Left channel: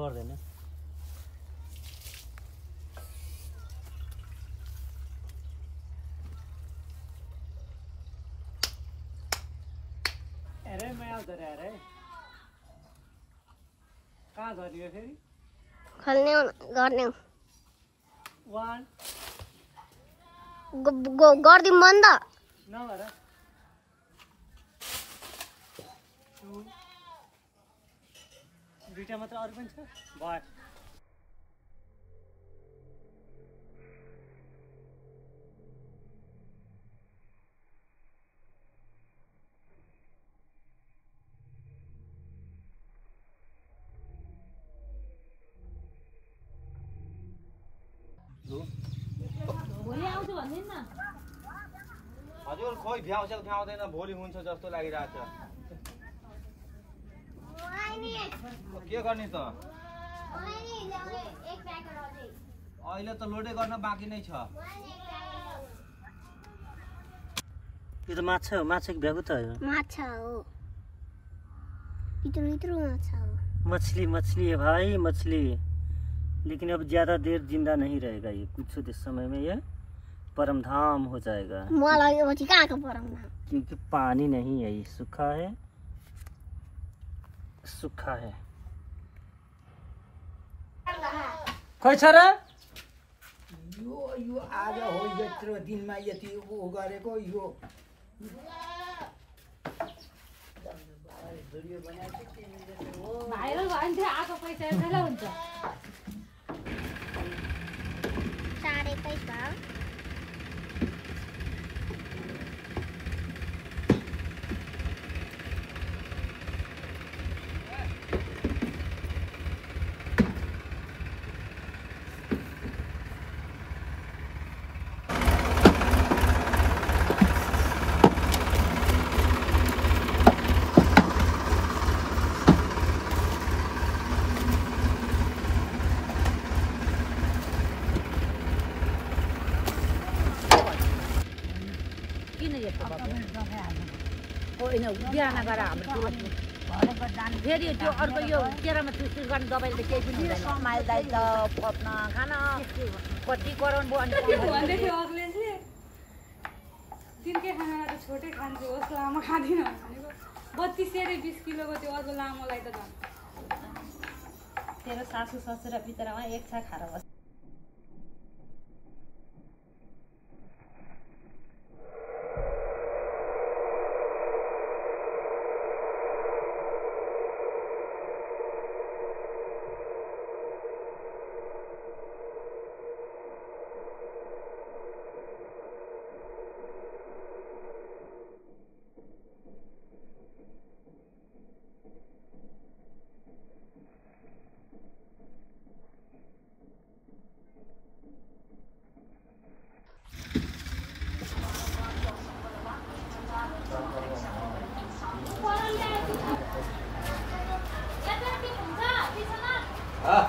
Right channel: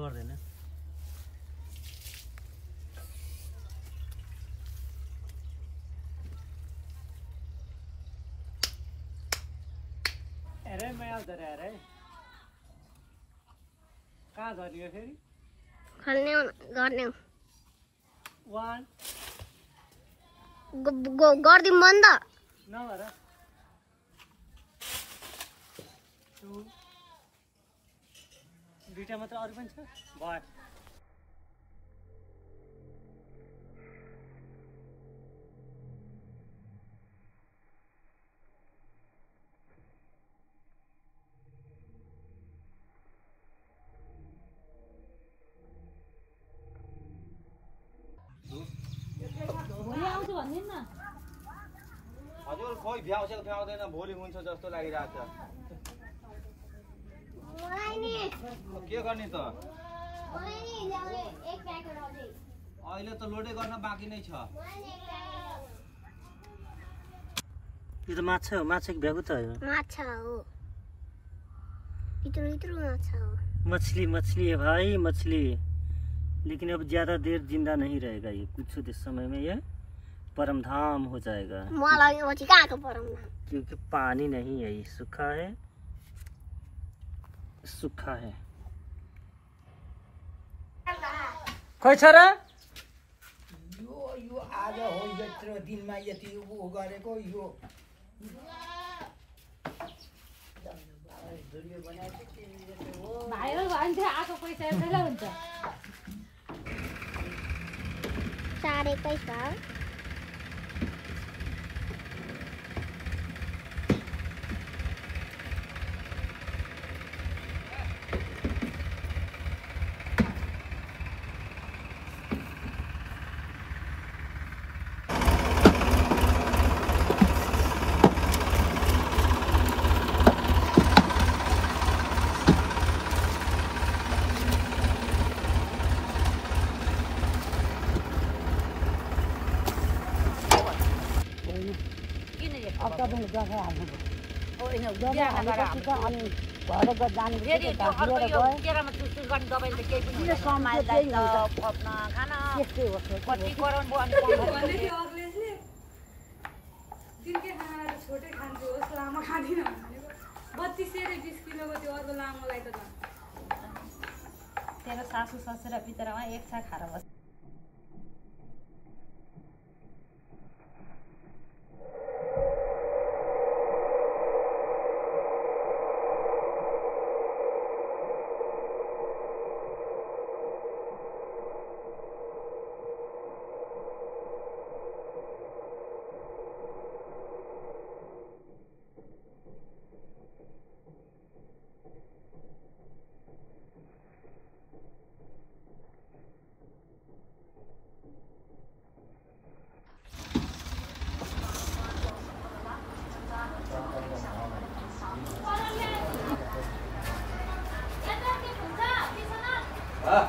पर्दैन अरे मैं आउँदा रे अरे कहाँ झर्ने हो फेरि खल्ने गर्ने 1 गर्दिम बन्द नगर 2 दुईटा मात्र अरु पनि छ भयो भोलि आउँछु भन्दिन न हजुर खोइ भ्याउँछ भ्याउँदैन भोलि हुन्छ जस्तो लागिरहेछ के गर्ने त अहिले त लोडे गर्न बाँकी नै छ यो त माछा हो माछा कि भ्यागु त हो माछा हो इत्रो इत्रो माछा हो मछली मछली है भाई मछली लेकिन अब ज्यादा देर जिंदा नहीं रहेगा ये कुछ देर समय में ये परमधाम हो जाएगा मलाई पछि कहाँको परमधाम क्योंकि पानी नहीं है ये सूखा है खै छ र यो आज हो यत्रो दिनमा यति उ गरेको यो भाइरल भयो भने चाहिँ आएको पैसा एउटै हुन्छ सारेकै छ तिनकै खाना छोटै खान्छु जस्तो लामो खाँदिनँ भनेको 32 र 20 किलोको त्यो अझ लामोलाई त तेरो सासू ससुरा भित्रमा एक छा खाएर बस हाँ